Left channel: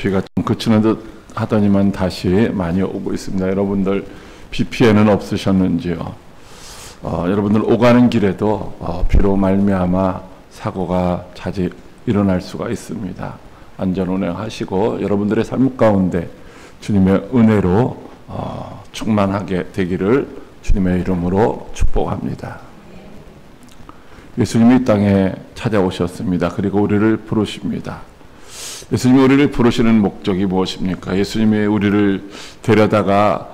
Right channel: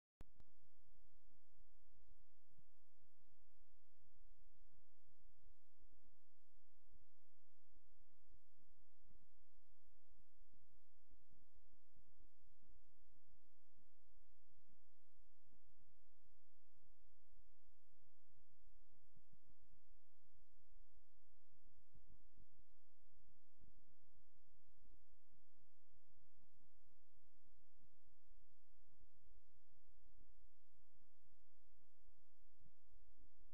비가 좀 그치는 듯 하더니만 다시 많이 오고 있습니다. 여러분들 비 피해는 없으셨는지요? 여러분들 오가는 길에도 비로 말미암아 사고가 자주 일어날 수가 있습니다. 안전 운행하시고 여러분들의 삶 가운데 주님의 은혜로 충만하게 되기를 주님의 이름으로 축복합니다. 예수님이 이 땅에 찾아오셨습니다. 그리고 우리를 부르십니다. 예수님이 우리를 부르시는 목적이 무엇입니까? 예수님이 우리를 데려다가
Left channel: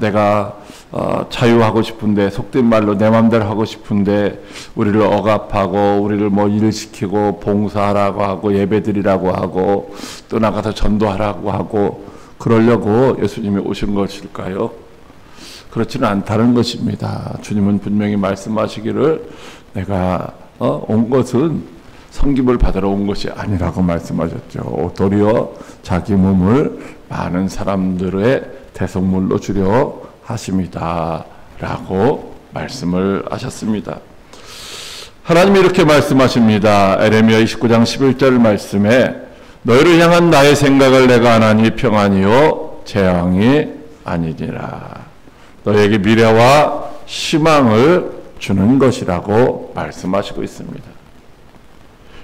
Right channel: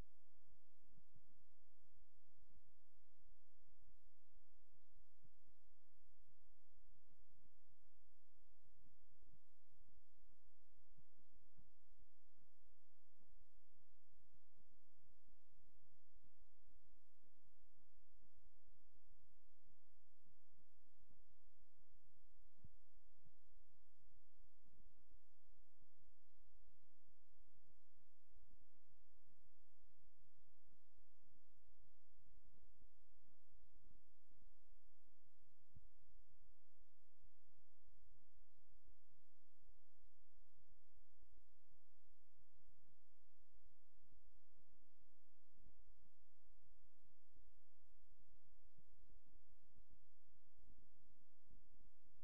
내가 자유하고 싶은데, 속된 말로 내 마음대로 하고 싶은데 우리를 억압하고 우리를 뭐 일시키고 봉사하라고 하고 예배드리라고 하고 또 나가서 전도하라고 하고 그러려고 예수님이 오신 것일까요? 그렇지는 않다는 것입니다. 주님은 분명히 말씀하시기를 내가 온 것은 섬김을 받으러 온 것이 아니라고 말씀하셨죠. 도리어 자기 몸을 많은 사람들의 대속물로 주려 하십니다 라고 말씀을 하셨습니다. 하나님이 이렇게 말씀하십니다. 에레미야 29장 11절 말씀에 너희를 향한 나의 생각을 내가 하나니 평안이요 재앙이 아니니라. 너희에게 미래와 희망을 주는 것이라고 말씀하시고 있습니다.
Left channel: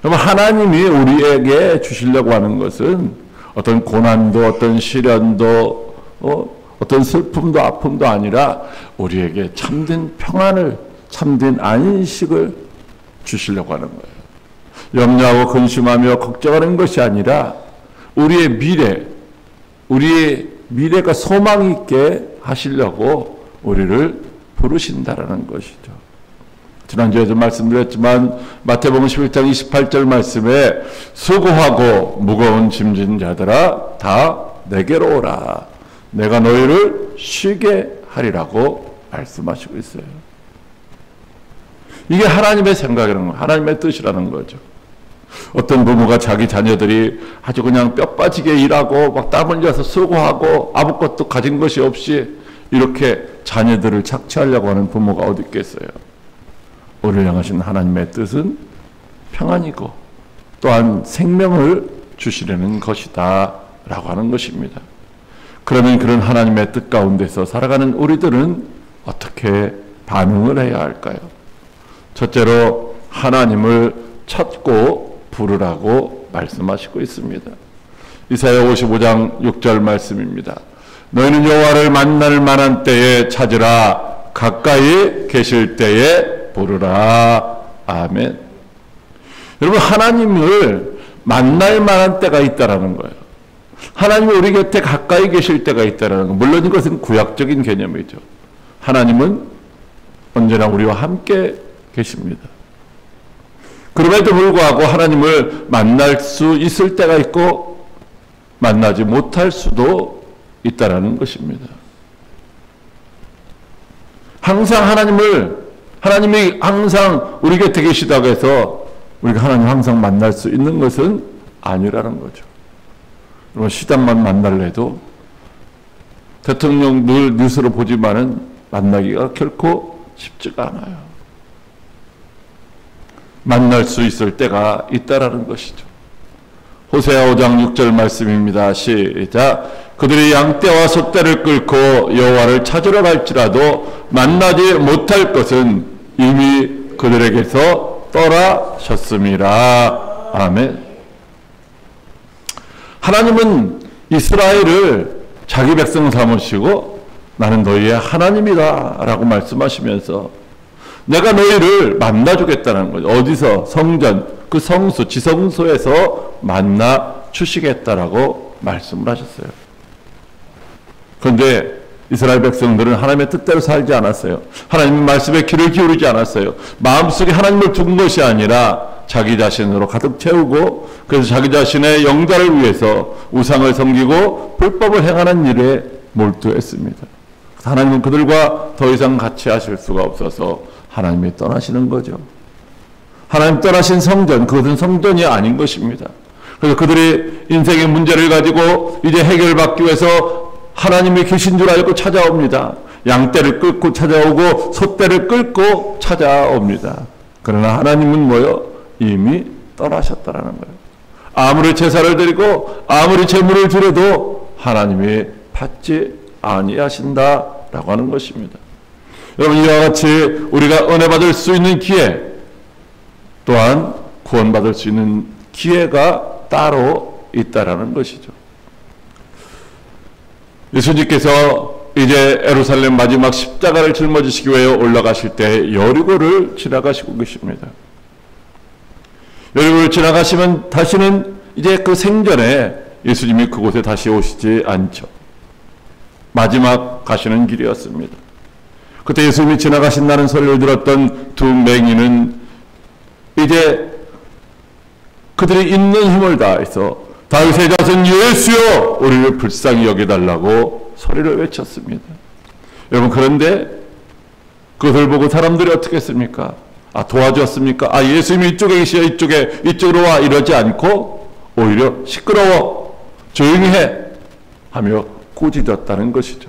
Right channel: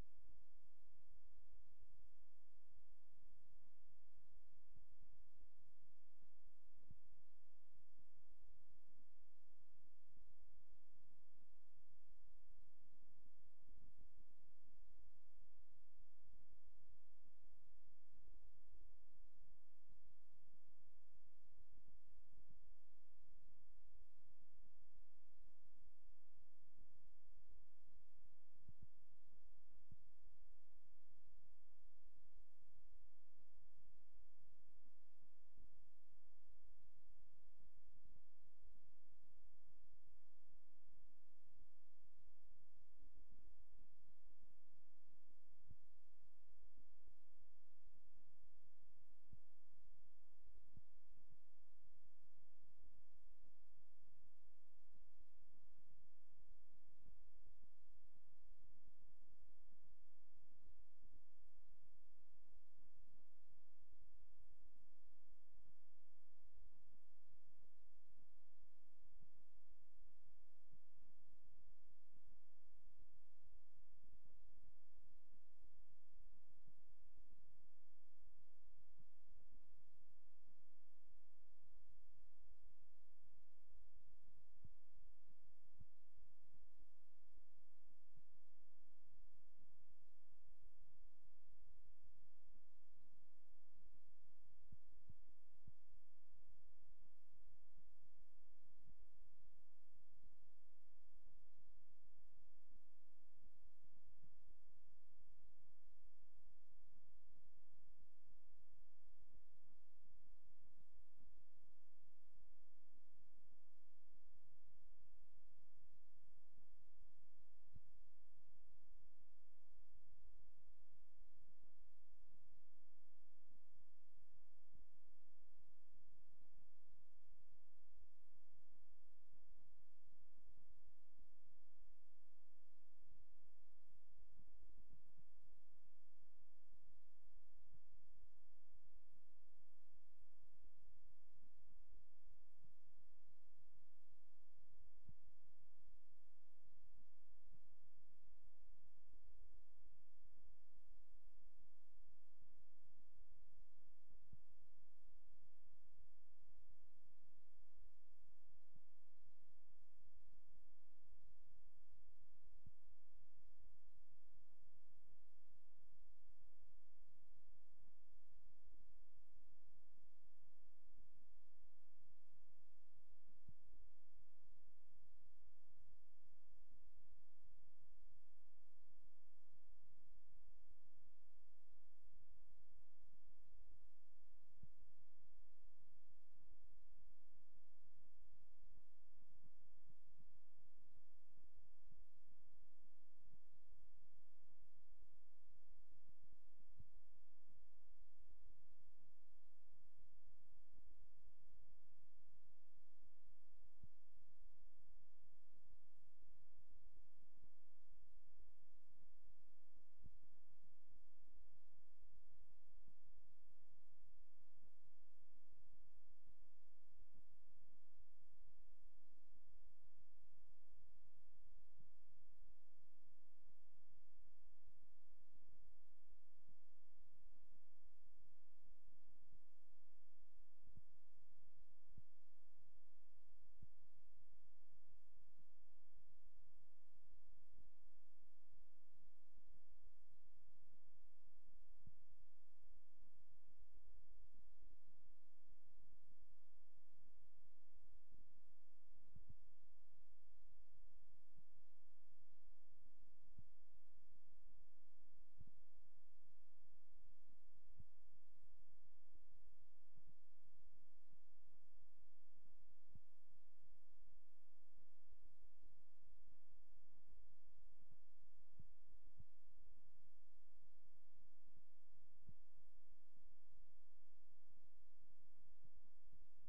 여러분, 하나님이 우리에게 주시려고 하는 것은 어떤 고난도 어떤 시련도 어떤 슬픔도 아픔도 아니라 우리에게 참된 평안을, 참된 안식을 주시려고 하는 거예요. 염려하고 근심하며 걱정하는 것이 아니라 우리의 미래가 소망 있게 하시려고 우리를 부르신다라는 것이죠. 지난주에도 말씀드렸지만 마태복음 11장 28절 말씀에 수고하고 무거운 짐진 자들아 다 내게로 오라. 내가 너희를 쉬게 하리라고 말씀하시고 있어요. 이게 하나님의 생각이라는 거예요. 하나님의 뜻이라는 거죠. 어떤 부모가 자기 자녀들이 아주 그냥 뼈 빠지게 일하고 막 땀 흘려서 수고하고 아무것도 가진 것이 없이 이렇게 자녀들을 착취하려고 하는 부모가 어디 있겠어요? 우리를 향하신 하나님의 뜻은 평안이고 또한 생명을 주시려는 것이다 라고 하는 것입니다. 그러면 그런 하나님의 뜻 가운데서 살아가는 우리들은 어떻게 반응을 해야 할까요? 첫째로 하나님을 찾고 부르라고 말씀하시고 있습니다. 이사야 55장 6절 말씀입니다. 너희는 여호와를 만날 만한 때에 찾으라. 가까이 계실 때에 부르라. 아멘. 여러분, 하나님을 만날 만한 때가 있다라는 거예요. 하나님이 우리 곁에 가까이 계실 때가 있다라는 거. 물론 이것은 구약적인 개념이죠. 하나님은 언제나 우리와 함께 계십니다. 그럼에도 불구하고 하나님을 만날 수 있을 때가 있고 만나지 못할 수도 있다라는 것입니다. 항상 하나님이 항상 우리 곁에 계시다고 해서 우리가 하나님 항상 만날 수 있는 것은 아니라는 거죠. 여러분, 시장만 만날래도 대통령 늘 뉴스로 보지만은 만나기가 결코 쉽지가 않아요. 만날 수 있을 때가 있다라는 것이죠. 호세아 5장 6절 말씀입니다. 시작. 그들이 양떼와 소떼를 끌고 여호와를 찾으러 갈지라도 만나지 못할 것은 이미 그들에게서 떠나셨음이라. 아멘. 하나님은 이스라엘을 자기 백성 삼으시고 나는 너희의 하나님이다 라고 말씀하시면서 내가 너희를 만나주겠다는 거죠. 어디서? 성전, 그 성소, 지성소에서 만나 주시겠다라고 말씀을 하셨어요. 그런데 이스라엘 백성들은 하나님의 뜻대로 살지 않았어요. 하나님의 말씀에 귀를 기울이지 않았어요. 마음속에 하나님을 둔 것이 아니라 자기 자신으로 가득 채우고 그래서 자기 자신의 영달을 위해서 우상을 섬기고 불법을 행하는 일에 몰두했습니다. 하나님은 그들과 더 이상 같이 하실 수가 없어서 하나님이 떠나시는 거죠. 하나님 떠나신 성전, 그것은 성전이 아닌 것입니다. 그래서 그들이 인생의 문제를 가지고 이제 해결받기 위해서 하나님이 계신 줄 알고 찾아옵니다. 양떼를 끌고 찾아오고 소떼를 끌고 찾아옵니다. 그러나 하나님은 뭐요? 이미 떠나셨다라는 거예요. 아무리 제사를 드리고 아무리 제물을 드려도 하나님이 받지 아니하신다라고 하는 것입니다. 여러분, 이와 같이 우리가 은혜 받을 수 있는 기회, 또한 구원받을 수 있는 기회가 따로 있다라는 것이죠. 예수님께서 이제 예루살렘 마지막 십자가를 짊어지시기 위해 올라가실 때 여리고를 지나가시고 계십니다. 여리고를 지나가시면 다시는 이제 그 생전에 예수님이 그곳에 다시 오시지 않죠. 마지막 가시는 길이었습니다. 그때 예수님이 지나가신다는 소리를 들었던 두 맹인은 이제 그들이 있는 힘을 다해서 다윗의 자손 예수여 우리를 불쌍히 여겨달라고 소리를 외쳤습니다. 여러분, 그런데 그것을 보고 사람들이 어떻게 했습니까? 도와주었습니까? 예수님이 이쪽에 계시어 이쪽으로 와, 이러지 않고 오히려 시끄러워, 조용히 해 하며 꾸짖었다는 것이죠.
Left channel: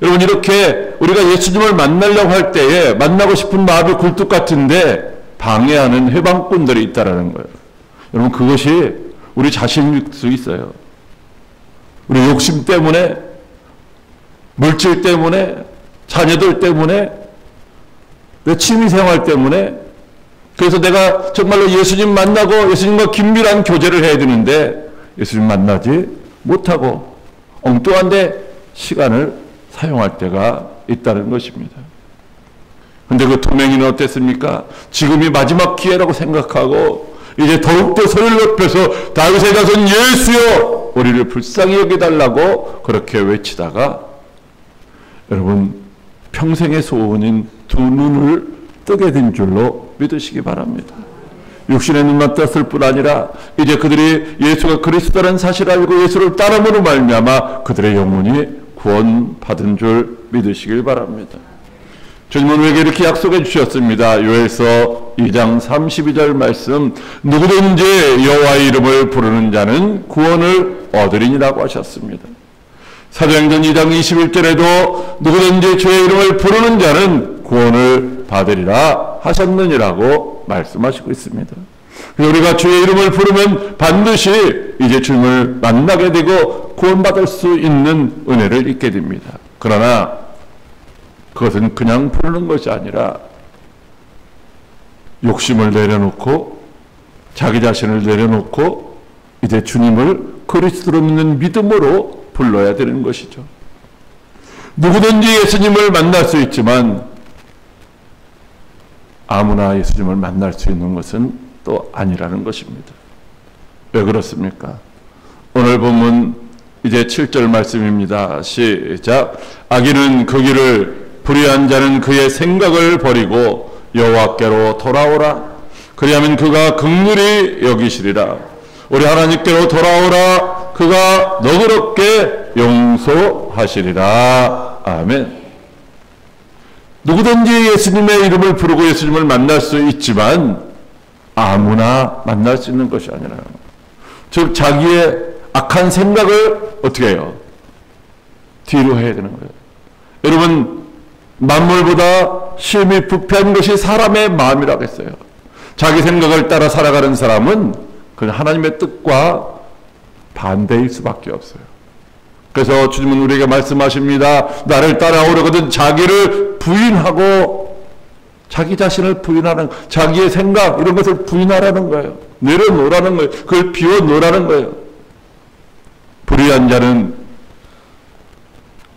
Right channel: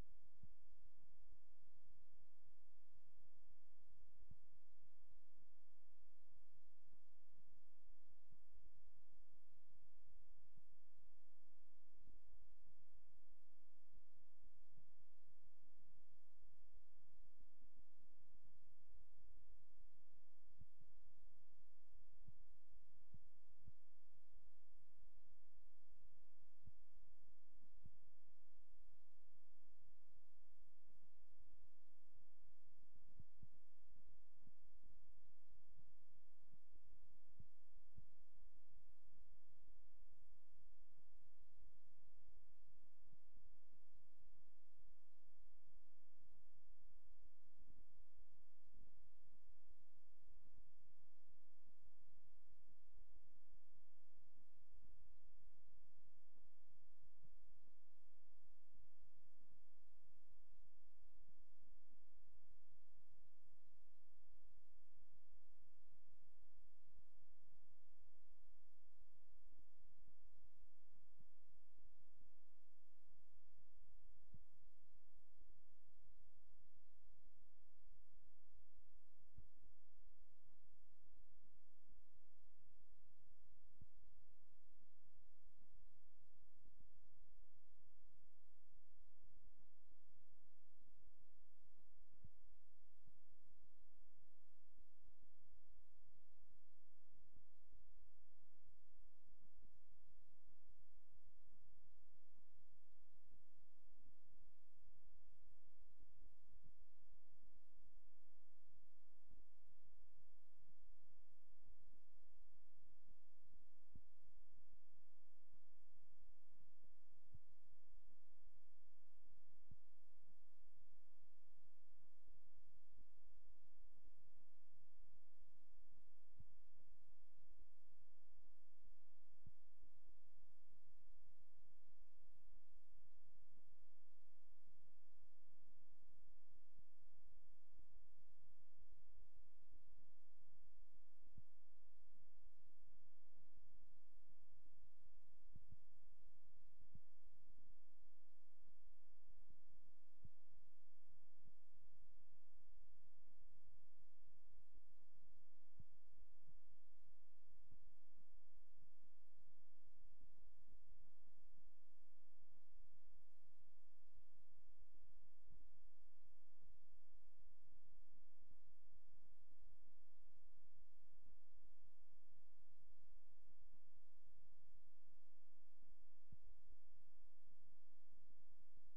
여러분, 이렇게 우리가 예수님을 만나려고 할 때에 만나고 싶은 마음이 굴뚝 같은데 방해하는 해방꾼들이 있다라는 거예요. 여러분, 그것이 우리 자신일 수 있어요. 우리 욕심 때문에, 물질 때문에, 자녀들 때문에, 내 취미생활 때문에, 그래서 내가 정말로 예수님 만나고 예수님과 긴밀한 교제를 해야 되는데 예수님 만나지 못하고 엉뚱한 데 시간을 사용할 때가 있다는 것입니다. 근데 그 두 맹인은 어땠습니까? 지금이 마지막 기회라고 생각하고 이제 더욱더 소리를 높여서 다윗의 자손 예수여 우리를 불쌍히 여겨달라고 그렇게 외치다가 여러분, 평생의 소원인 두 눈을 뜨게 된 줄로 믿으시기 바랍니다. 육신의 눈만 떴을 뿐 아니라 이제 그들이 예수가 그리스도라는 사실을 알고 예수를 따름으로 말미암아 그들의 영혼이 구원받은 줄 믿으시길 바랍니다. 주님은 우리에게 이렇게 약속해 주셨습니다. 요엘서 2장 32절 말씀, 누구든지 여호와의 이름을 부르는 자는 구원을 얻으리니라고 하셨습니다. 사도행전 2장 21절에도 누구든지 주의 이름을 부르는 자는 구원을 받으리라 하셨느니라고 말씀하시고 있습니다. 우리가 주의 이름을 부르면 반드시 이제 주님을 만나게 되고 구원받을 수 있는 은혜를 잊게 됩니다. 그러나 그것은 그냥 부르는 것이 아니라 욕심을 내려놓고 자기 자신을 내려놓고 이제 주님을 그리스도로 믿는 믿음으로 불러야 되는 것이죠. 누구든지 예수님을 만날 수 있지만 아무나 예수님을 만날 수 있는 것은 또 아니라는 것입니다. 왜 그렇습니까? 오늘 본문 이제 7절 말씀입니다. 시작. 악인은 그 길을, 불의한 자는 그의 생각을 버리고 여호와께로 돌아오라. 그리하면 그가 긍휼히 여기시리라. 우리 하나님께로 돌아오라. 그가 너그럽게 용서하시리라. 아멘. 누구든지 예수님의 이름을 부르고 예수님을 만날 수 있지만 아무나 만날 수 있는 것이 아니라, 즉 자기의 악한 생각을 어떻게 해요? 뒤로 해야 되는 거예요. 여러분, 만물보다 심히 부패한 것이 사람의 마음이라고 했어요. 자기 생각을 따라 살아가는 사람은 그냥 하나님의 뜻과 반대일 수밖에 없어요. 그래서 주님은 우리에게 말씀하십니다. 나를 따라오려거든 자기를 부인하고, 자기 자신을 부인하는, 자기의 생각 이런 것을 부인하라는 거예요. 내려놓으라는 거예요. 그걸 비워놓으라는 거예요. 불의한 자는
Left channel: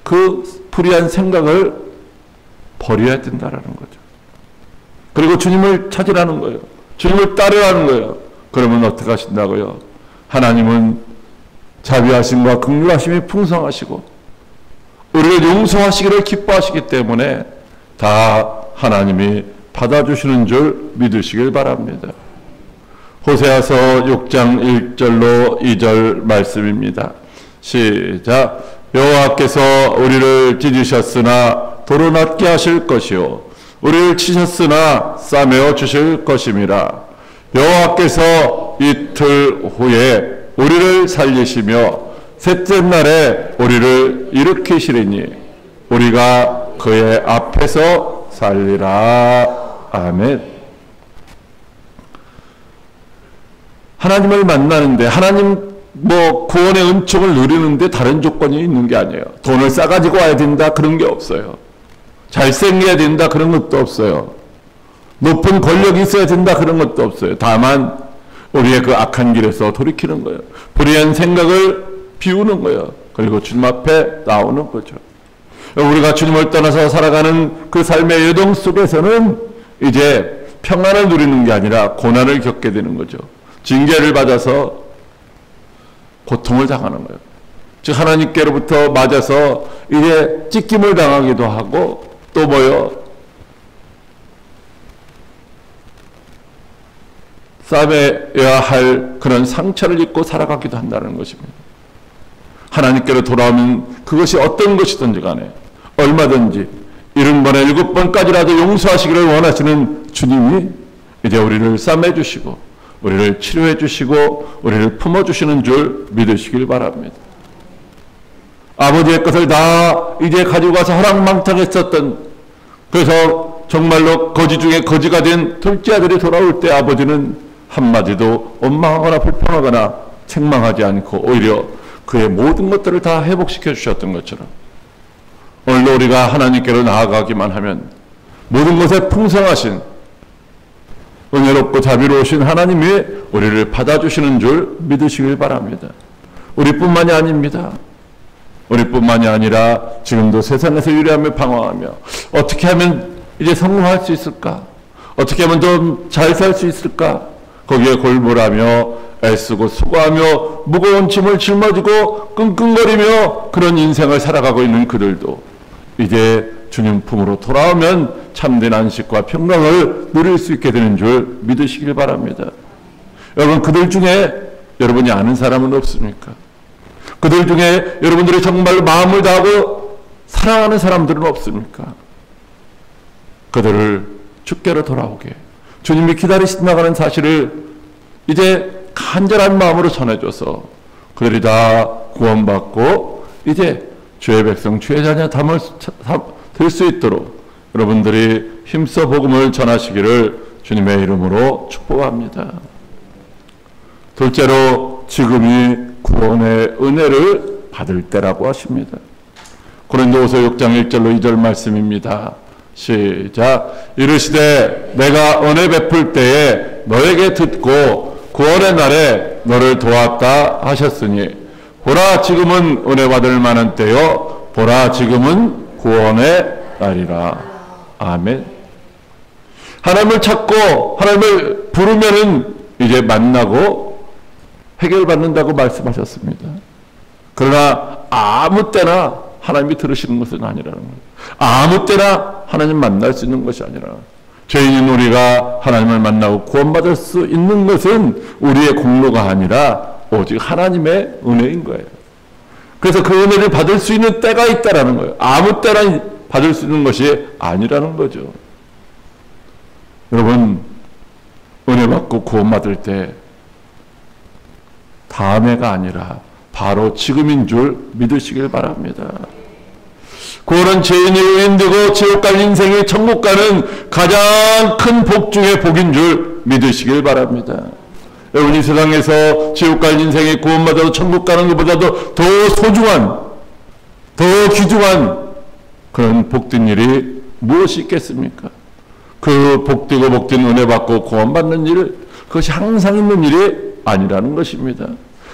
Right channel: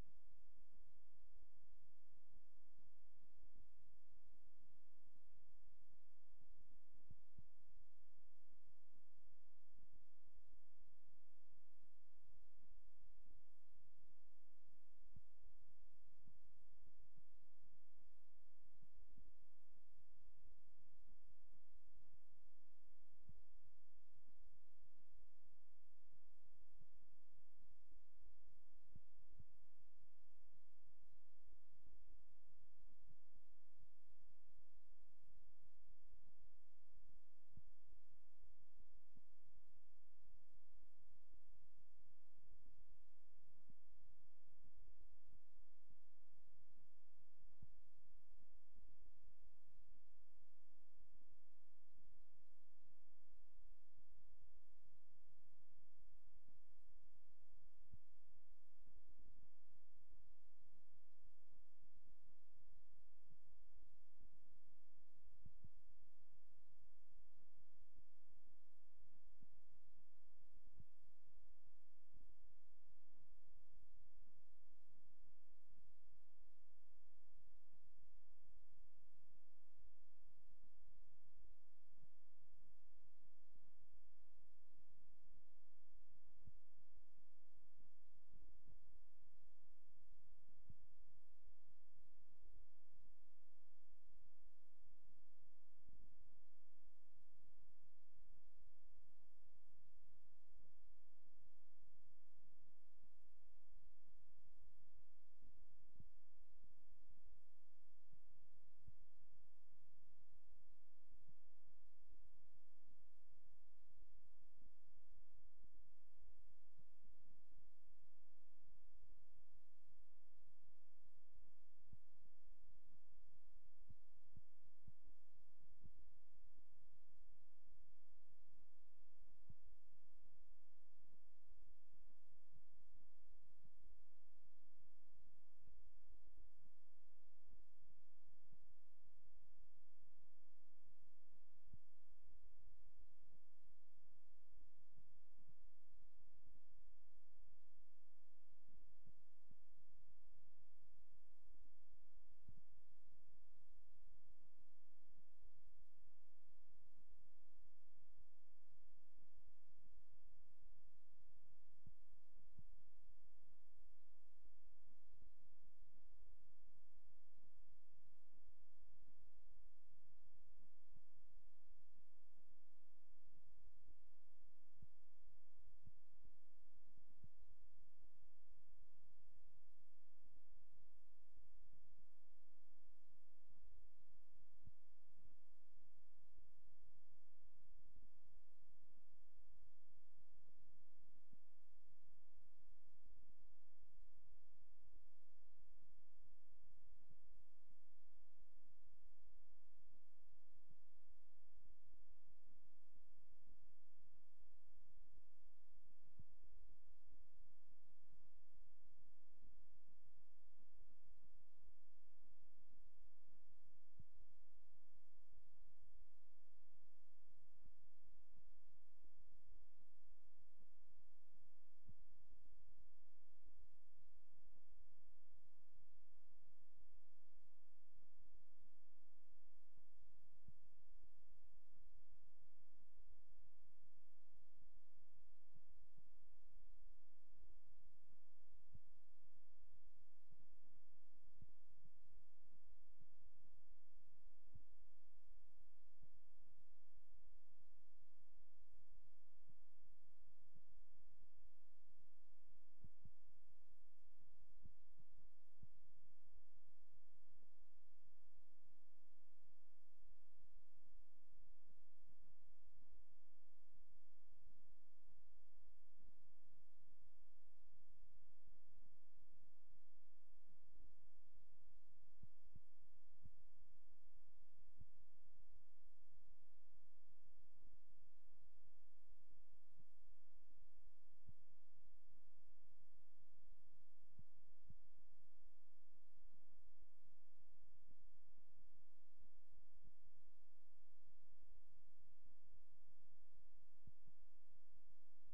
그 불의한 생각을 버려야 된다라는 거죠. 그리고 주님을 찾으라는 거예요. 주님을 따르라는 거예요. 그러면 어떻게 하신다고요? 하나님은 자비하심과 긍휼하심이 풍성하시고 우리를 용서하시기를 기뻐하시기 때문에 다 하나님이 받아주시는 줄 믿으시길 바랍니다. 호세아서 6장 1절로 2절 말씀입니다. 시작. 여호와께서 우리를 찢으셨으나 도로낫게 하실 것이요 우리를 치셨으나 싸매어 주실 것임이라. 여호와께서 이틀 후에 우리를 살리시며 셋째 날에 우리를 일으키시리니 우리가 그의 앞에서 살리라. 아멘. 하나님을 만나는데, 하나님 구원의 은총을 누리는데 다른 조건이 있는 게 아니에요. 돈을 싸가지고 와야 된다, 그런 게 없어요. 잘생겨야 된다, 그런 것도 없어요. 높은 권력이 있어야 된다, 그런 것도 없어요. 다만 우리의 그 악한 길에서 돌이키는 거예요. 불의한 생각을 비우는 거예요. 그리고 주님 앞에 나오는 거죠. 우리가 주님을 떠나서 살아가는 그 삶의 여정 속에서는 이제 평안을 누리는 게 아니라 고난을 겪게 되는 거죠. 징계를 받아서 고통을 당하는 거예요. 즉 하나님께로부터 맞아서 이제 찢김을 당하기도 하고, 또 싸매야 할 그런 상처를 입고 살아가기도 한다는 것입니다. 하나님께로 돌아오면 그것이 어떤 것이든지 간에 얼마든지 70번에 7번까지라도 용서하시기를 원하시는 주님이 이제 우리를 싸매주시고 우리를 치료해 주시고 우리를 품어주시는 줄 믿으시길 바랍니다. 아버지의 것을 다 이제 가지고 가서 허랑망탕했었던, 그래서 정말로 거지 중에 거지가 된 둘째 아들이 돌아올 때 아버지는 한마디도 원망하거나 불평하거나 책망하지 않고 오히려 그의 모든 것들을 다 회복시켜 주셨던 것처럼 오늘도 우리가 하나님께로 나아가기만 하면 모든 것에 풍성하신 은혜롭고 자비로우신 하나님이 우리를 받아주시는 줄 믿으시길 바랍니다. 우리뿐만이 아닙니다. 우리뿐만이 아니라 지금도 세상에서 유리하며 방황하며 어떻게 하면 이제 성공할 수 있을까? 어떻게 하면 좀 잘 살 수 있을까? 거기에 골몰하며 애쓰고 수고하며 무거운 짐을 짊어지고 끙끙거리며 그런 인생을 살아가고 있는 그들도 이제 주님 품으로 돌아오면 참된 안식과 평강을 누릴 수 있게 되는 줄 믿으시길 바랍니다. 여러분, 그들 중에 여러분이 아는 사람은 없습니까? 그들 중에 여러분들이 정말 마음을 다하고 사랑하는 사람들은 없습니까? 그들을 주께로 돌아오게 주님이 기다리신다는 사실을 이제 간절한 마음으로 전해줘서 그들이 다 구원받고 이제 주의 백성, 주의 자녀 될 수 있도록 여러분들이 힘써 복음을 전하시기를 주님의 이름으로 축복합니다. 둘째로, 지금이 구원의 은혜를 받을 때라고 하십니다. 고린도후서 6장 1절로 2절 말씀입니다. 시작. 이르시되 내가 은혜 베풀 때에 너에게 듣고 구원의 날에 너를 도왔다 하셨으니 보라 지금은 은혜 받을 만한 때요 보라 지금은 구원의 날이라. 아멘. 하나님을 찾고 하나님을 부르면은 이제 만나고 해결받는다고 말씀하셨습니다. 그러나 아무 때나 하나님이 들으시는 것은 아니라는 거예요. 아무 때나 하나님 만날 수 있는 것이 아니라, 죄인인 우리가 하나님을 만나고 구원받을 수 있는 것은 우리의 공로가 아니라 오직 하나님의 은혜인 거예요. 그래서 그 은혜를 받을 수 있는 때가 있다라는 거예요. 아무 때나 받을 수 있는 것이 아니라는 거죠. 여러분, 은혜 받고 구원받을 때 다음해가 아니라 바로 지금인 줄 믿으시길 바랍니다. 구원은 죄인이 의인되고 지옥 갈 인생이 천국 가는 가장 큰 복 중의 복인 줄 믿으시길 바랍니다. 여러분, 이 세상에서 지옥 갈 인생이 구원받아도 천국 가는 것보다도 더 소중한, 더 귀중한 그런 복된 일이 무엇이 있겠습니까? 그 복되고 복된 은혜 받고 구원받는 일, 그것이 항상 있는 일이 아니라는 것입니다.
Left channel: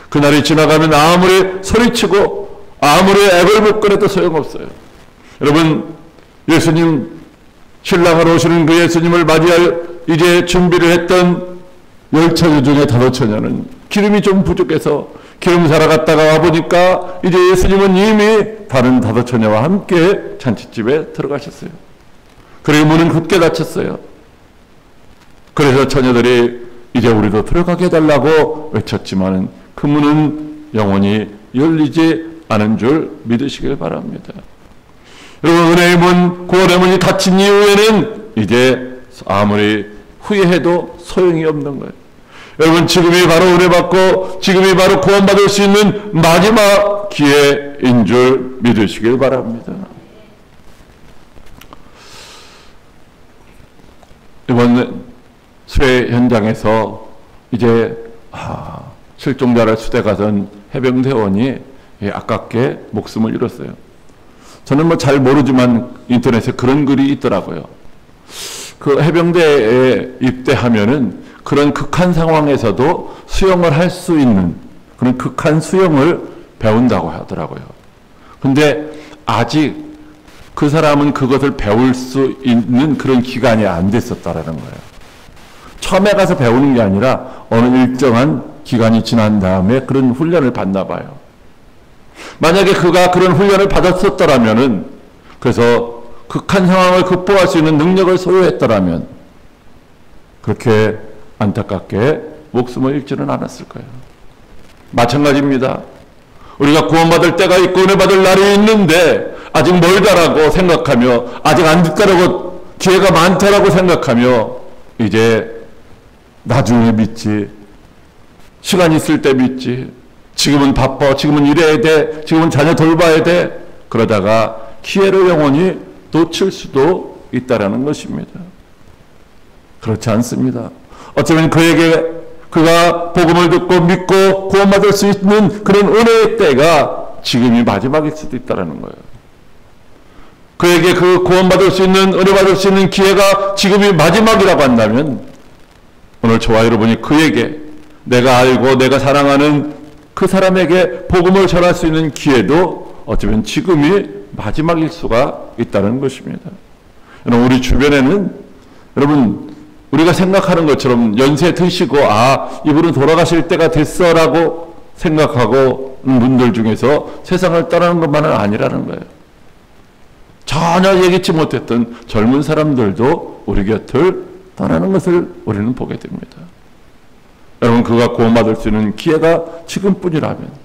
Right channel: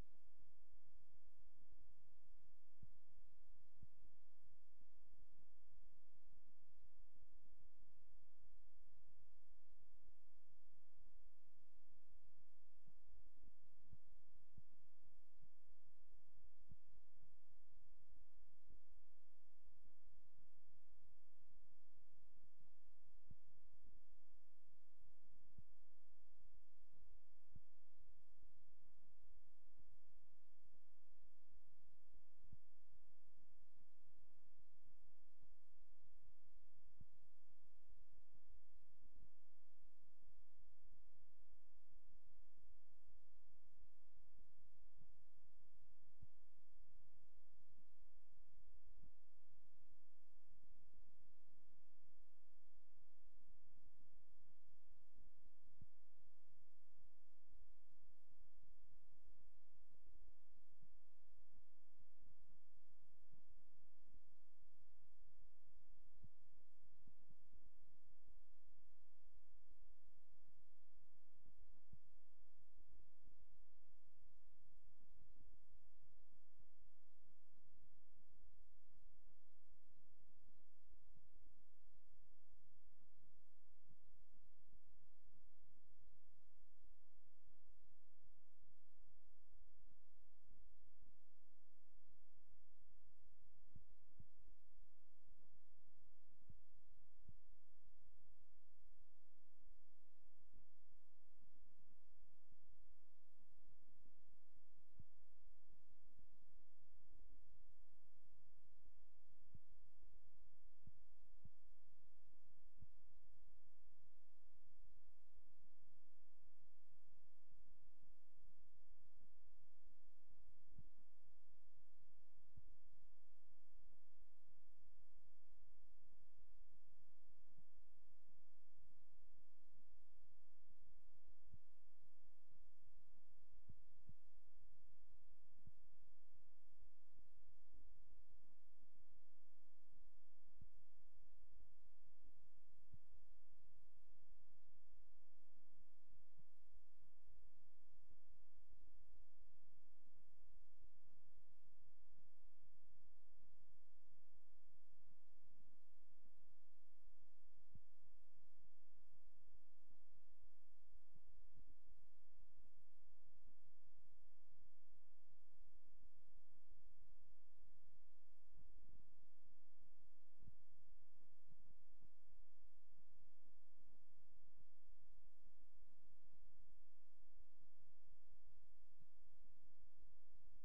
그날이 지나가면 아무리 소리치고 아무리 애걸복걸해도 소용없어요. 여러분, 예수님, 신랑으로 오시는 그 예수님을 맞이할 이제 준비를 했던 10처녀 중에 5처녀는 기름이 좀 부족해서 기름 사러 갔다가 와보니까 이제 예수님은 이미 다른 5처녀와 함께 잔치집에 들어가셨어요. 그리고 문은 굳게 닫혔어요. 그래서 처녀들이 이제 우리도 들어가게 해달라고 외쳤지만 그 문은 영원히 열리지 않은 줄 믿으시길 바랍니다. 여러분, 은혜의 문, 구원의 문이 닫힌 이후에는 이제 아무리 후회해도 소용이 없는 거예요. 여러분, 지금이 바로 은혜 받고 지금이 바로 구원받을 수 있는 마지막 기회인 줄 믿으시길 바랍니다. 이번 수해 현장에서 이제 실종자를 수대 가던 해병대원이 아깝게 목숨을 잃었어요. 저는 뭐 잘 모르지만 인터넷에 그런 글이 있더라고요. 그 해병대에 입대하면은 그런 극한 상황에서도 수영을 할 수 있는 그런 극한 수영을 배운다고 하더라고요. 근데 아직 그 사람은 그것을 배울 수 있는 그런 기간이 안 됐었다라는 거예요. 처음에 가서 배우는 게 아니라 어느 일정한 기간이 지난 다음에 그런 훈련을 받나 봐요. 만약에 그가 그런 훈련을 받았었더라면은, 그래서 극한 상황을 극복할 수 있는 능력을 소유했더라면 그렇게 안타깝게 목숨을 잃지는 않았을 거예요. 마찬가지입니다. 우리가 구원받을 때가 있고 은혜 받을 날이 있는데 아직 멀다라고 생각하며, 아직 안 됐다라고, 기회가 많다라고 생각하며 이제 나중에 믿지, 시간 있을 때 믿지, 지금은 바빠, 지금은 일해야 돼, 지금은 자녀 돌봐야 돼, 그러다가 기회를 영원히 놓칠 수도 있다라는 것입니다. 그렇지 않습니다. 어쩌면 그가 복음을 듣고 믿고 구원받을 수 있는 그런 은혜의 때가 지금이 마지막일 수도 있다는 거예요. 그에게 그 구원받을 수 있는, 은혜 받을 수 있는 기회가 지금이 마지막이라고 한다면, 오늘 저와 여러분이 그에게, 내가 알고 내가 사랑하는 그 사람에게 복음을 전할 수 있는 기회도 어쩌면 지금이 마지막일 수가 있다는 것입니다. 여러분, 우리 주변에는, 여러분, 우리가 생각하는 것처럼 연세 드시고 이분은 돌아가실 때가 됐어라고 생각하고 분들 중에서 세상을 떠나는 것만은 아니라는 거예요. 전혀 예기치 못했던 젊은 사람들도 우리 곁을 떠나는 것을 우리는 보게 됩니다. 여러분, 그가 구원받을 수 있는 기회가 지금뿐이라면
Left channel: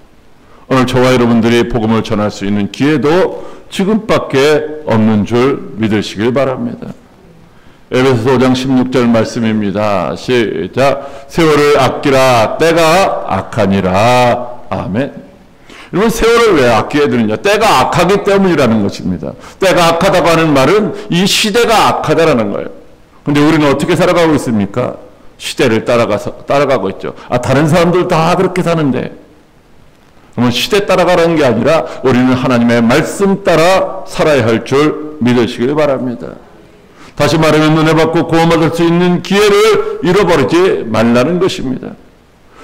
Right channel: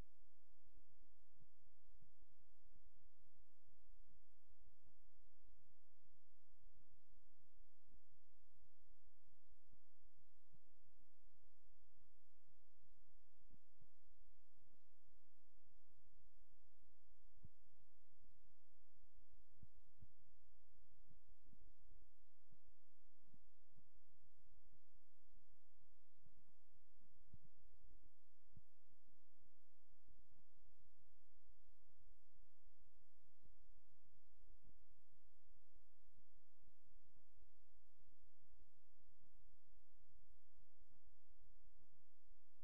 오늘 저와 여러분들이 복음을 전할 수 있는 기회도 지금밖에 없는 줄 믿으시길 바랍니다. 에베소서 5장 16절 말씀입니다. 시작. 세월을 아끼라, 때가 악하니라. 아멘. 여러분, 세월을 왜 아껴야 되느냐? 때가 악하기 때문이라는 것입니다. 때가 악하다고 하는 말은 이 시대가 악하다라는 거예요. 근데 우리는 어떻게 살아가고 있습니까? 시대를 따라가고 있죠. 다른 사람들 다 그렇게 사는데. 그러면 시대 따라가라는 게 아니라 우리는 하나님의 말씀 따라 살아야 할 줄 믿으시길 바랍니다. 다시 말하면 은혜 받고 구원받을 수 있는 기회를 잃어버리지 말라는 것입니다.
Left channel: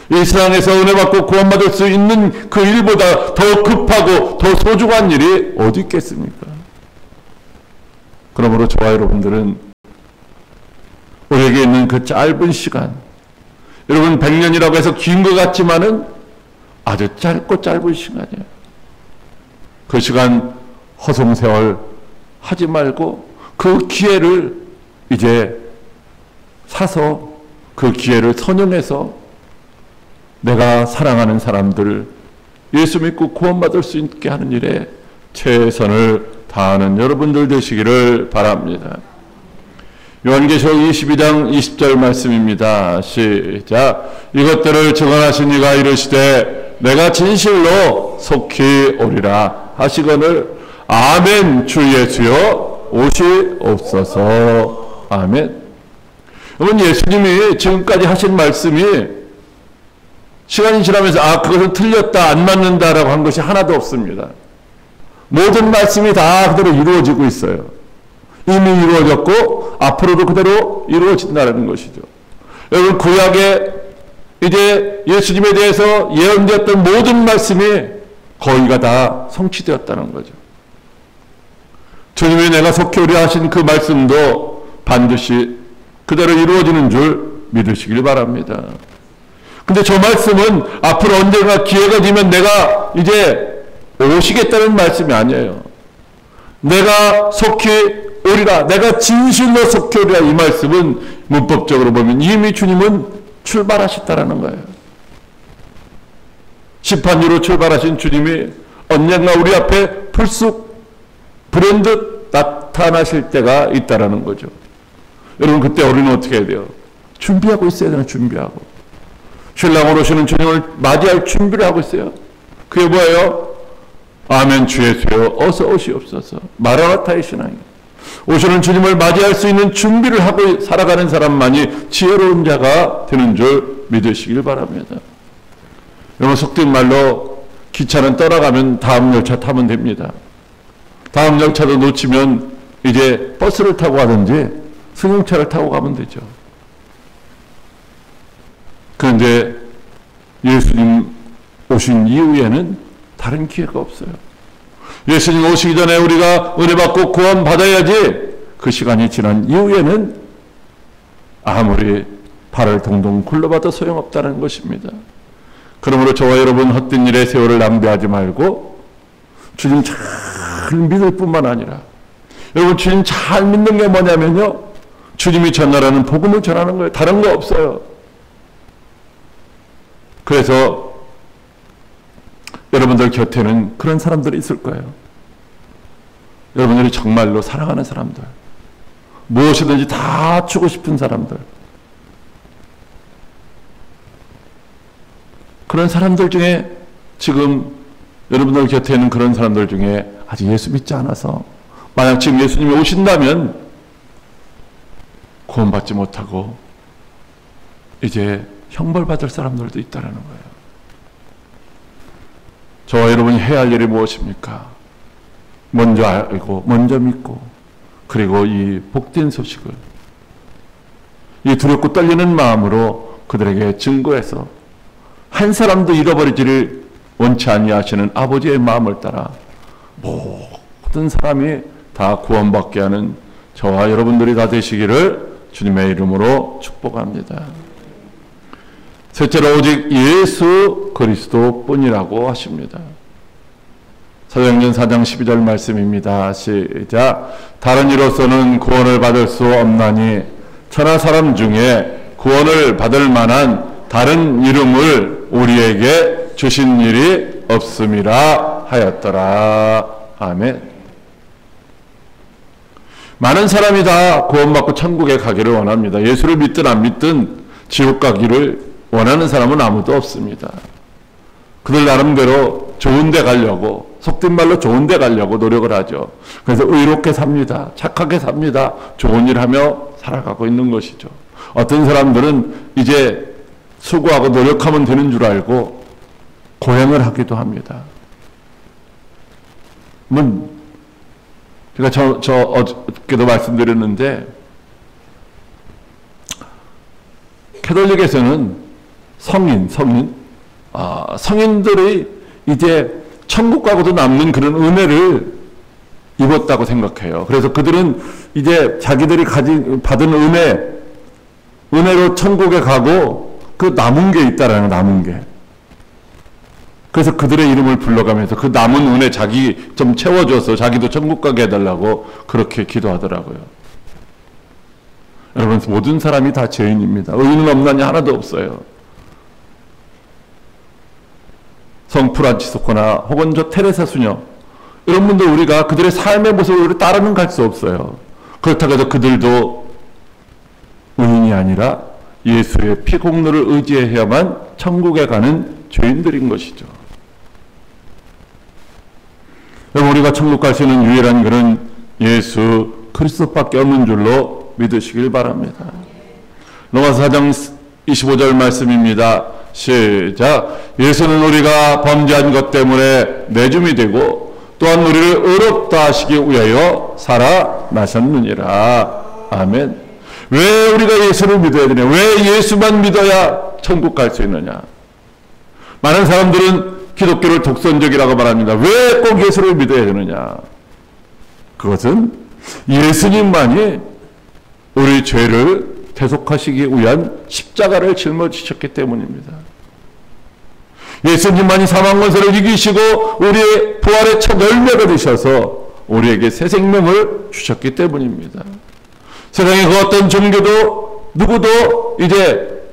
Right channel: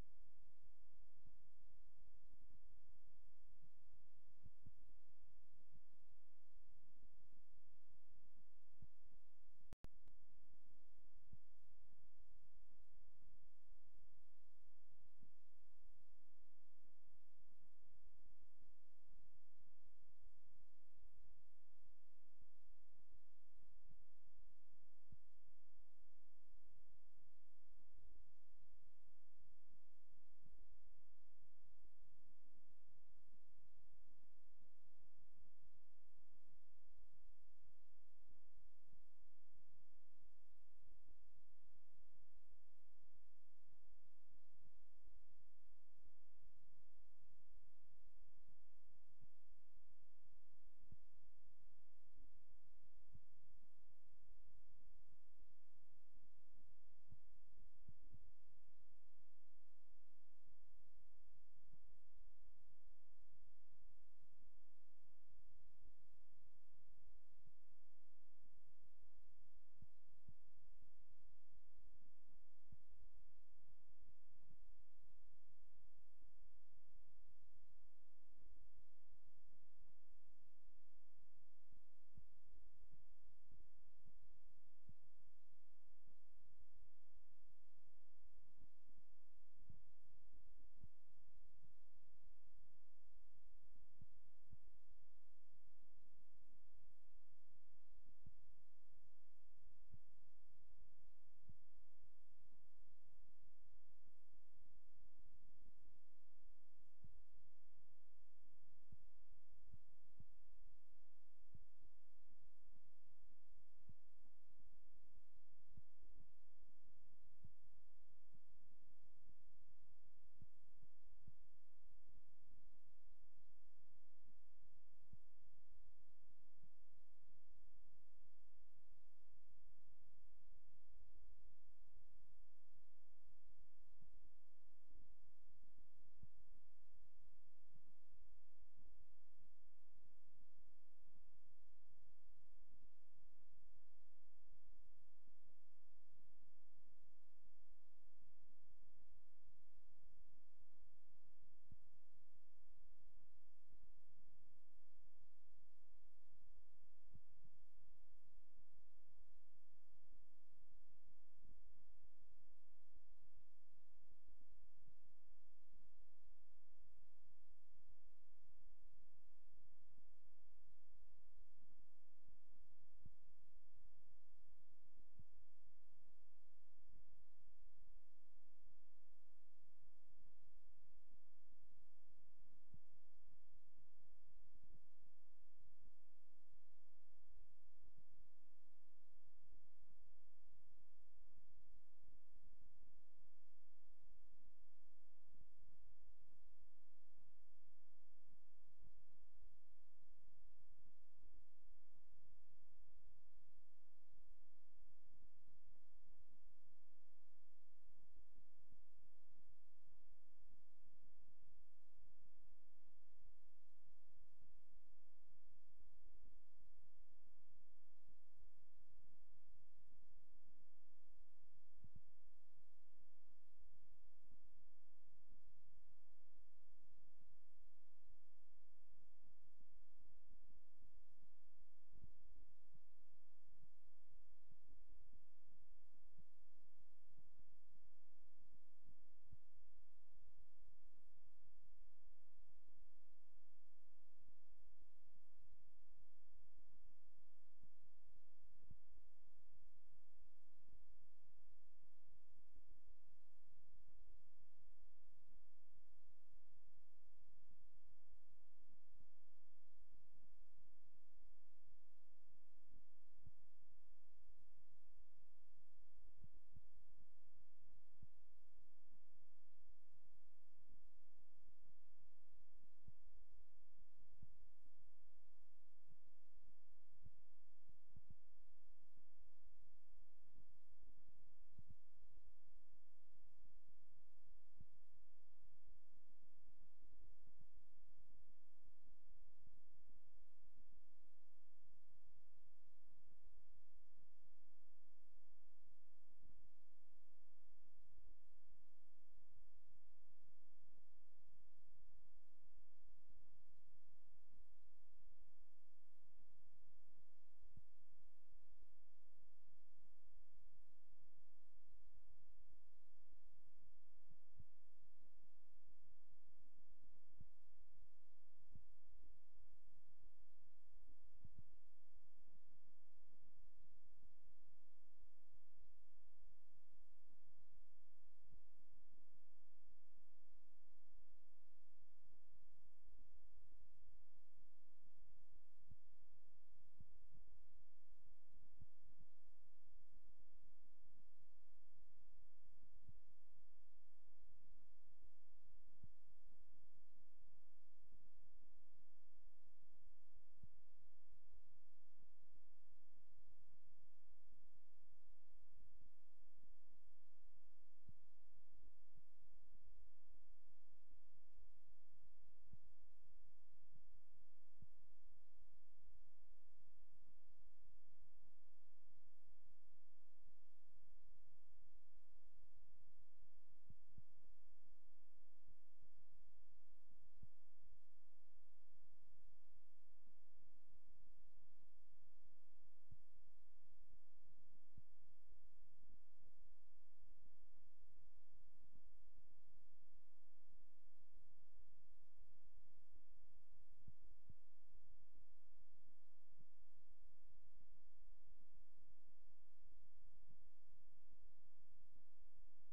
이 세상에서 은혜 받고 구원받을 수 있는 그 일보다 더 급하고 더 소중한 일이 어디 있겠습니까? 그러므로 저와 여러분들은 우리에게 있는 그 짧은 시간, 여러분 100년이라고 해서 긴 것 같지만은 아주 짧고 짧은 시간이에요. 그 시간 허송세월 하지 말고 그 기회를 이제 사서, 그 기회를 선용해서 내가 사랑하는 사람들 예수 믿고 구원받을 수 있게 하는 일에 최선을 다하는 여러분들 되시기를 바랍니다. 요한계시록 22장 20절 말씀입니다. 시작. 이것들을 증언하신 이가 이르시되 내가 진실로 속히 오리라 하시거늘 아멘. 주 예수여 오시옵소서. 아멘. 여러분, 예수님이 지금까지 하신 말씀이 시간이 지나면서 그것은 틀렸다, 안 맞는다라고 한 것이 하나도 없습니다. 모든 말씀이 다 그대로 이루어지고 있어요. 이미 이루어졌고 앞으로도 그대로 이루어진다는 것이죠. 여러분, 구약에 이제 예수님에 대해서 예언되었던 모든 말씀이 거의가 다 성취되었다는 거죠. 주님이 내가 속히 오리라 하신 그 말씀도 반드시 그대로 이루어지는 줄 믿으시길 바랍니다. 근데 저 말씀은 앞으로 언젠가 기회가 되면 내가 이제 오시겠다는 말씀이 아니에요. 내가 속히 오리라, 내가 진실로 속히 오리라, 이 말씀은 문법적으로 보면 이미 주님은 출발하셨다라는 거예요. 심판유로 출발하신 주님이 언젠가 우리 앞에 불쑥 불현듯 나타나실 때가 있다라는 거죠. 여러분, 그때 우리는 어떻게 해야 돼요? 준비하고 있어야 되나? 준비하고. 신랑으로 오시는 주님을 맞이할 준비를 하고 있어요. 그게 뭐예요? 아멘. 주 예수여 어서 오시옵소서. 마라나타의 신앙이에요. 오시는 주님을 맞이할 수 있는 준비를 하고 살아가는 사람만이 지혜로운 자가 되는 줄 믿으시길 바랍니다. 여러분, 속된 말로 기차는 떠나가면 다음 열차 타면 됩니다. 다음 열차도 놓치면 이제 버스를 타고 가든지 승용차를 타고 가면 되죠. 그런데 예수님 오신 이후에는 다른 기회가 없어요. 예수님 오시기 전에 우리가 은혜 받고 구원 받아야지, 그 시간이 지난 이후에는 아무리 발을 동동 굴러봐도 소용없다는 것입니다. 그러므로 저와 여러분 헛된 일에 세월을 낭비하지 말고 주님 잘 믿을 뿐만 아니라, 여러분 주님 잘 믿는 게 뭐냐면요, 주님이 전하라는 복음을 전하는 거예요. 다른 거 없어요. 그래서 여러분들 곁에는 그런 사람들이 있을 거예요. 여러분들이 정말로 사랑하는 사람들, 무엇이든지 다 주고 싶은 사람들, 그런 사람들 중에, 지금 여러분들 곁에 있는 그런 사람들 중에 아직 예수 믿지 않아서, 만약 지금 예수님이 오신다면 구원받지 못하고 이제 형벌받을 사람들도 있다는 거예요. 저와 여러분이 해야 할 일이 무엇입니까? 먼저 알고, 먼저 믿고, 그리고 이 복된 소식을 이 두렵고 떨리는 마음으로 그들에게 증거해서 한 사람도 잃어버리지를 원치 아니하시는 아버지의 마음을 따라 모든 사람이 다 구원받게 하는 저와 여러분들이 다 되시기를 주님의 이름으로 축복합니다. 셋째로 오직 예수 그리스도뿐이라고 하십니다. 사도행전 4장 12절 말씀입니다. 시작. 다른 이로서는 구원을 받을 수 없나니 천하 사람 중에 구원을 받을 만한 다른 이름을 우리에게 주신 일이 없음이라 하였더라. 아멘. 많은 사람이 다 구원받고 천국에 가기를 원합니다. 예수를 믿든 안 믿든 지옥 가기를 원하는 사람은 아무도 없습니다. 그들 나름대로 좋은 데 가려고, 속된 말로 좋은 데 가려고 노력을 하죠. 그래서 의롭게 삽니다. 착하게 삽니다. 좋은 일 하며 살아가고 있는 것이죠. 어떤 사람들은 이제 수고하고 노력하면 되는 줄 알고 고행을 하기도 합니다. 제가 어저께도 말씀드렸는데, 캐톨릭에서는 성인들이 이제 천국 가고도 남는 그런 은혜를 입었다고 생각해요. 그래서 그들은 이제 자기들이 받은 은혜로 천국에 가고 그 남은 게 있다라는, 남은 게. 그래서 그들의 이름을 불러가면서 그 남은 은혜 자기 좀 채워줘서 자기도 천국 가게 해달라고 그렇게 기도하더라고요. 여러분, 모든 사람이 다 죄인입니다. 의인은 없나니 하나도 없어요. 성 프란치스코나 혹은 저 테레사 수녀, 이런 분들 우리가 그들의 삶의 모습을 따라는 갈 수 없어요. 그렇다고 해서 그들도 의인이 아니라 예수의 피 공로를 의지해야만 천국에 가는 죄인들인 것이죠. 여러분, 우리가 천국 갈 수 있는 유일한 길은 예수 그리스도밖에 없는 줄로 믿으시길 바랍니다. 로마서 4장 25절 말씀입니다. 시작. 예수는 우리가 범죄한 것 때문에 내줌이 되고 또한 우리를 의롭다 하시기 위하여 살아나셨느니라. 아멘. 왜 우리가 예수를 믿어야 되냐? 왜 예수만 믿어야 천국 갈 수 있느냐? 많은 사람들은 기독교를 독선적이라고 말합니다. 왜 꼭 예수를 믿어야 되느냐? 그것은 예수님만이 우리 죄를 대속하시기 위한 십자가를 짊어지셨기 때문입니다. 예수님만이 사망 권세를 이기시고 우리의 부활의 첫 열매가 되셔서 우리에게 새 생명을 주셨기 때문입니다. 세상에 그 어떤 종교도 누구도 이제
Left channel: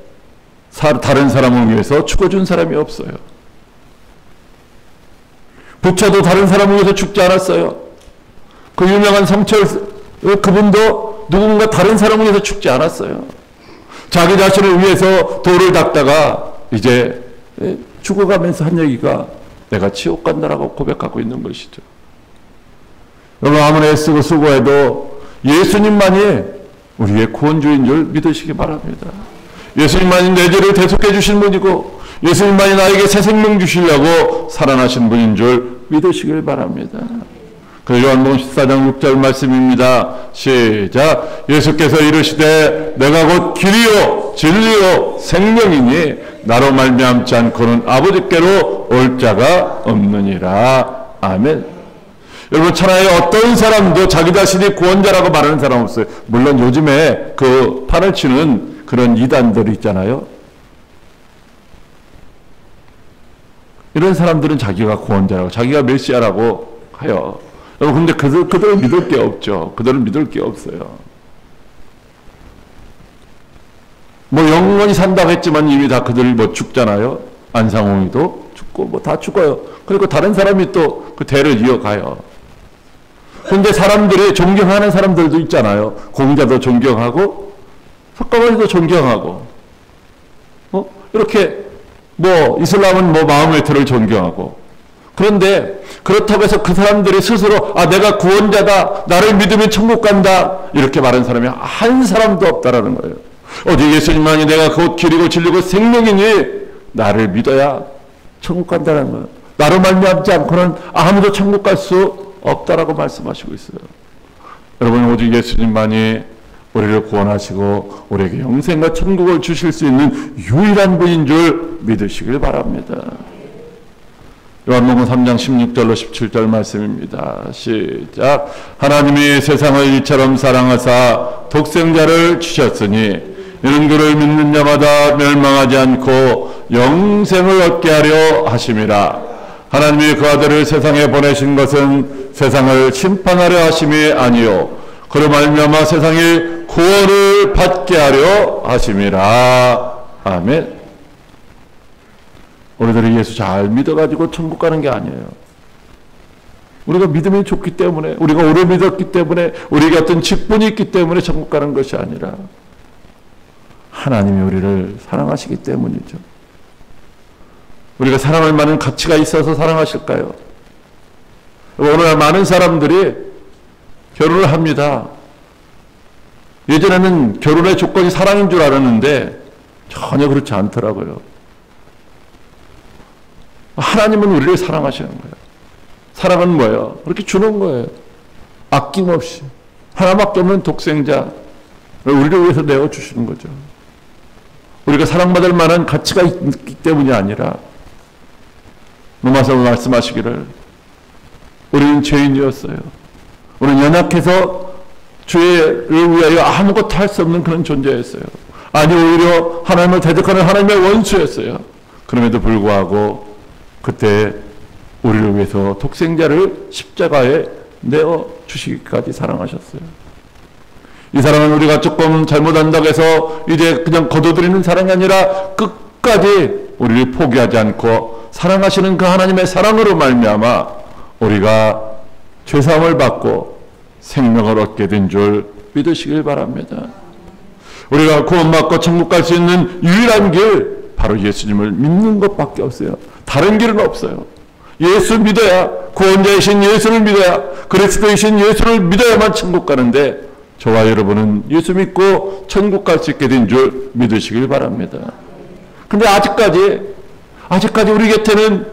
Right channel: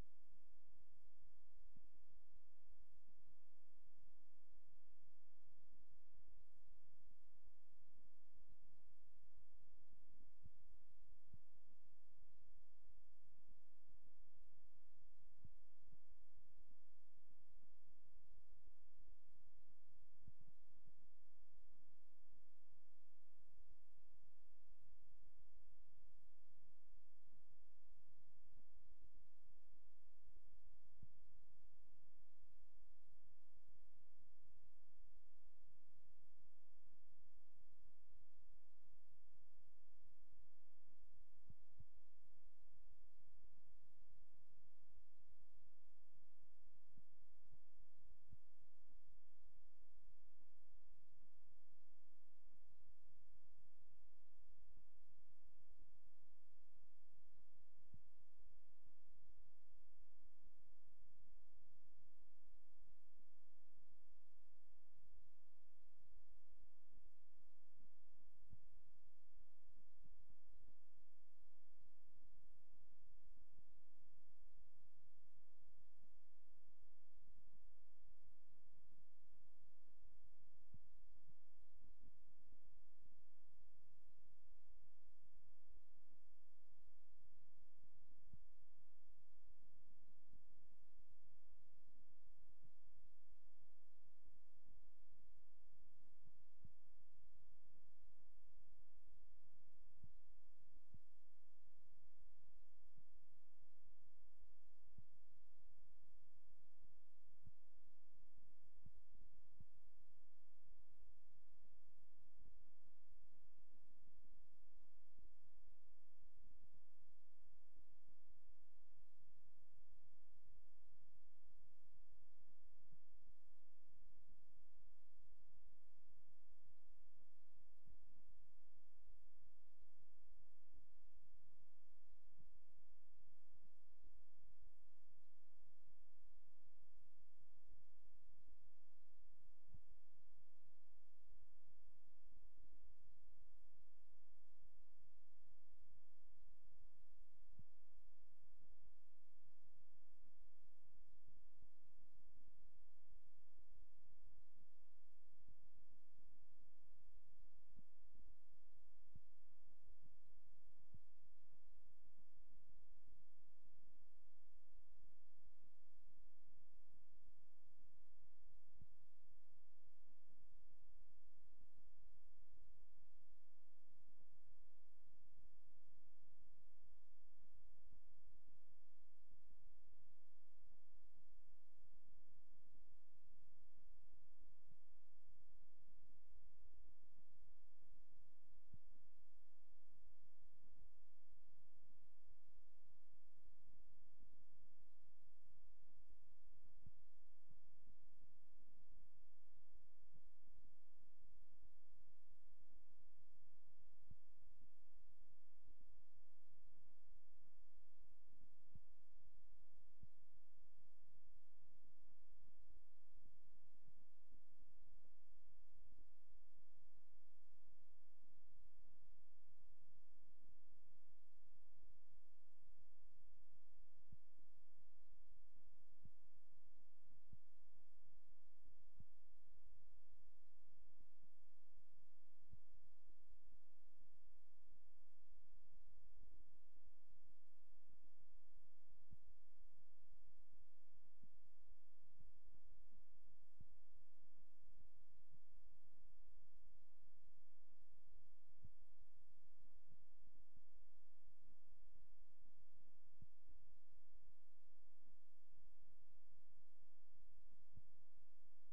다른 사람을 위해서 죽어준 사람이 없어요. 부처도 다른 사람을 위해서 죽지 않았어요. 그 유명한 성철 그분도 누군가 다른 사람을 위해서 죽지 않았어요. 자기 자신을 위해서 돌을 닦다가 이제 죽어가면서 한 얘기가 내가 지옥 간다라고 고백하고 있는 것이죠. 여러분, 아무리 애쓰고 수고해도 예수님만이 우리의 구원주인 줄 믿으시기 바랍니다. 예수님만이 내 죄를 대속해 주신 분이고 예수님만이 나에게 새 생명 주시려고 살아나신 분인 줄 믿으시길 바랍니다. 그 요한복음 14장 6절 말씀입니다. 시작. 예수께서 이르시되 내가 곧 길이요 진리요 생명이니 나로 말미암지 않고는 아버지께로 올 자가 없느니라. 아멘. 여러분, 천하에 어떤 사람도 자기 자신이 구원자라고 말하는 사람 없어요. 물론 요즘에 그 판을 치는 그런 이단들이 있잖아요. 이런 사람들은 자기가 구원자라고, 자기가 메시아라고 해요. 여러분, 근데 그들은 믿을 게 없죠. 그들은 믿을 게 없어요. 뭐 영원히 산다고 했지만 이미 다 그들이 뭐 죽잖아요. 안상홍이도 죽고 뭐 다 죽어요. 그리고 다른 사람이 또 그 대를 이어가요. 근데 사람들이 존경하는 사람들도 있잖아요. 공자도 존경하고 석가모니도 존경하고 이렇게 뭐 이슬람은 뭐 마호메트를 존경하고. 그런데 그렇다고 해서 그 사람들이 스스로 내가 구원자다, 나를 믿으면 천국 간다, 이렇게 말하는 사람이 한 사람도 없다라는 거예요. 오직 예수님만이 내가 곧 길이고 진리고 생명이니 나를 믿어야 천국 간다는 거예요. 나로 말미암지 않고는 아무도 천국 갈 수 없다라고 말씀하시고 있어요. 여러분, 오직 예수님만이 우리를 구원하시고 우리에게 영생과 천국을 주실 수 있는 유일한 분인 줄 믿으시길 바랍니다. 요한복음 3장 16절로 17절 말씀입니다. 시작. 하나님이 세상을 이처럼 사랑하사 독생자를 주셨으니 이는 그를 믿는 자마다 멸망하지 않고 영생을 얻게 하려 하심이라. 하나님이 그 아들을 세상에 보내신 것은 세상을 심판하려 하심이 아니요 그로 말미암아 세상이 구원을 받게 하려 하심이라. 아멘. 우리들이 예수 잘 믿어가지고 천국 가는 게 아니에요. 우리가 믿음이 좋기 때문에, 우리가 오래 믿었기 때문에, 우리에게 어떤 직분이 있기 때문에 천국 가는 것이 아니라 하나님이 우리를 사랑하시기 때문이죠. 우리가 사랑할 만한 가치가 있어서 사랑하실까요? 오늘날 많은 사람들이 결혼을 합니다. 예전에는 결혼의 조건이 사랑인 줄 알았는데 전혀 그렇지 않더라고요. 하나님은 우리를 사랑하시는 거예요. 사랑은 뭐예요? 그렇게 주는 거예요. 아낌없이. 하나밖에 없는 독생자 우리를 위해서 내어주시는 거죠. 우리가 사랑받을 만한 가치가 있기 때문이 아니라 로마서 말씀하시기를 우리는 죄인이었어요. 우리는 연약해서 죄를 위하여 아무것도 할 수 없는 그런 존재였어요. 아니, 오히려 하나님을 대적하는 하나님의 원수였어요. 그럼에도 불구하고 그때 우리를 위해서 독생자를 십자가에 내어주시기까지 사랑하셨어요. 이 사랑은 우리가 조금 잘못한다고 해서 이제 그냥 거둬들이는 사랑이 아니라 끝까지 우리를 포기하지 않고 사랑하시는 그 하나님의 사랑으로 말미암아 우리가 죄사함을 받고 생명을 얻게 된 줄 믿으시길 바랍니다. 우리가 구원받고 천국 갈 수 있는 유일한 길, 바로 예수님을 믿는 것밖에 없어요. 다른 길은 없어요. 예수 믿어야, 구원자이신 예수를 믿어야, 그리스도이신 예수를 믿어야만 천국 가는데 저와 여러분은 예수 믿고 천국 갈 수 있게 된 줄 믿으시길 바랍니다. 근데 아직까지 우리 곁에는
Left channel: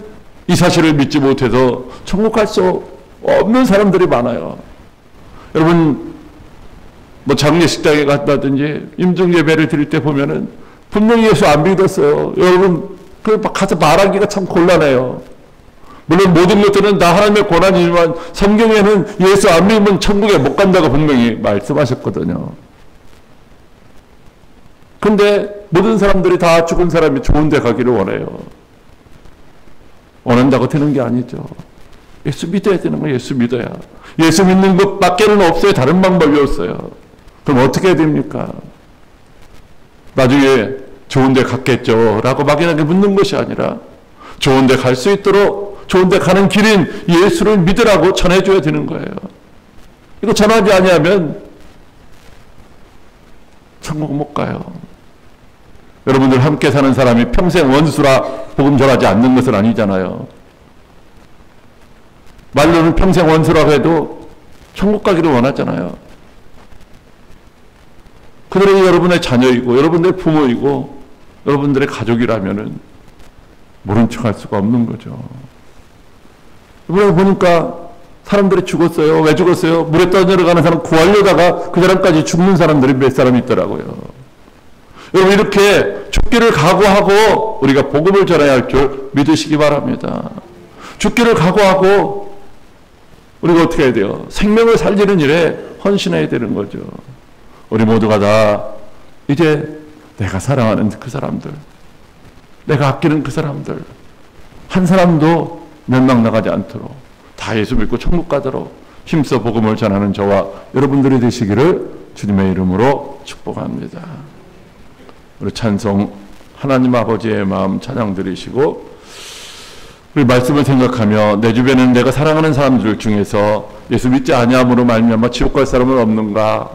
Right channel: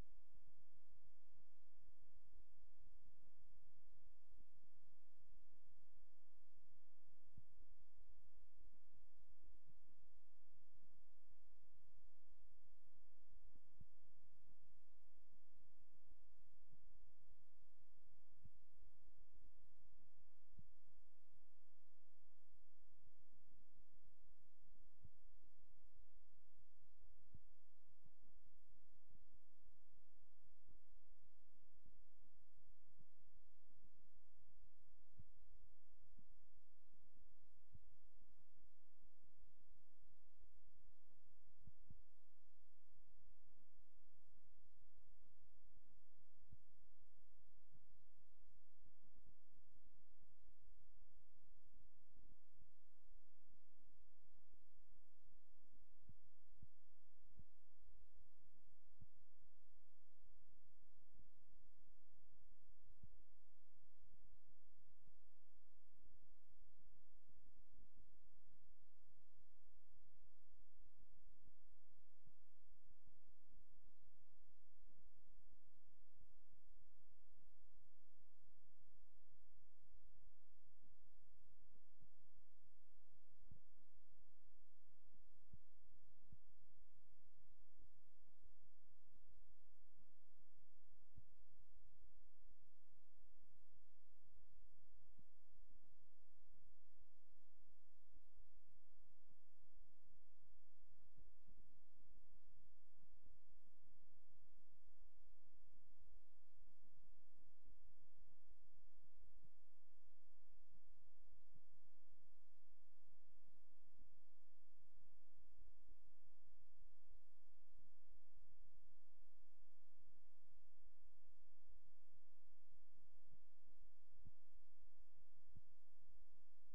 이 사실을 믿지 못해서 천국 갈 수 없는 사람들이 많아요. 여러분, 뭐 장례식장에 갔다든지 임종예배를 드릴 때 보면은 분명히 예수 안 믿었어요. 여러분, 그 가서 말하기가 참 곤란해요. 물론 모든 것들은 다 하나님의 권한이지만 성경에는 예수 안 믿으면 천국에 못 간다고 분명히 말씀하셨거든요. 근데 모든 사람들이 다 죽은 사람이 좋은 데 가기를 원해요. 원한다고 되는 게 아니죠. 예수 믿어야 되는 거예요. 예수 믿어야. 예수 믿는 것밖에는 없어요. 다른 방법이 없어요. 그럼 어떻게 해야 됩니까? 나중에 좋은 데 갔겠죠 라고 막연하게 묻는 것이 아니라 좋은 데 갈 수 있도록 좋은 데 가는 길인 예수를 믿으라고 전해줘야 되는 거예요. 이거 전하지 아니하면 천국 못 가요. 여러분들 함께 사는 사람이 평생 원수라 복음 전하지 않는 것은 아니잖아요. 말로는 평생 원수라고 해도 천국 가기를 원하잖아요. 그들이 여러분의 자녀이고 여러분들의 부모이고 여러분들의 가족이라면은 모른 척할 수가 없는 거죠. 이번에 보니까 사람들이 죽었어요. 왜 죽었어요? 물에 떠내려가는 사람 구하려다가 그 사람까지 죽는 사람들이 몇 사람 있더라고요. 여러분, 이렇게 죽기를 각오하고 우리가 복음을 전해야 할 줄 믿으시기 바랍니다. 죽기를 각오하고 우리가 어떻게 해야 돼요? 생명을 살리는 일에 헌신해야 되는 거죠. 우리 모두가 다 이제 내가 사랑하는 그 사람들, 내가 아끼는 그 사람들, 한 사람도 멸망 나가지 않도록 다 예수 믿고 천국 가도록 힘써 복음을 전하는 저와 여러분들이 되시기를 주님의 이름으로 축복합니다. 우리 찬송 하나님 아버지의 마음 찬양 드리시고, 우리 말씀을 생각하며 내 주변에는 내가 사랑하는 사람들 중에서 예수 믿지 아니함으로 말미암아 지옥 갈 사람은 없는가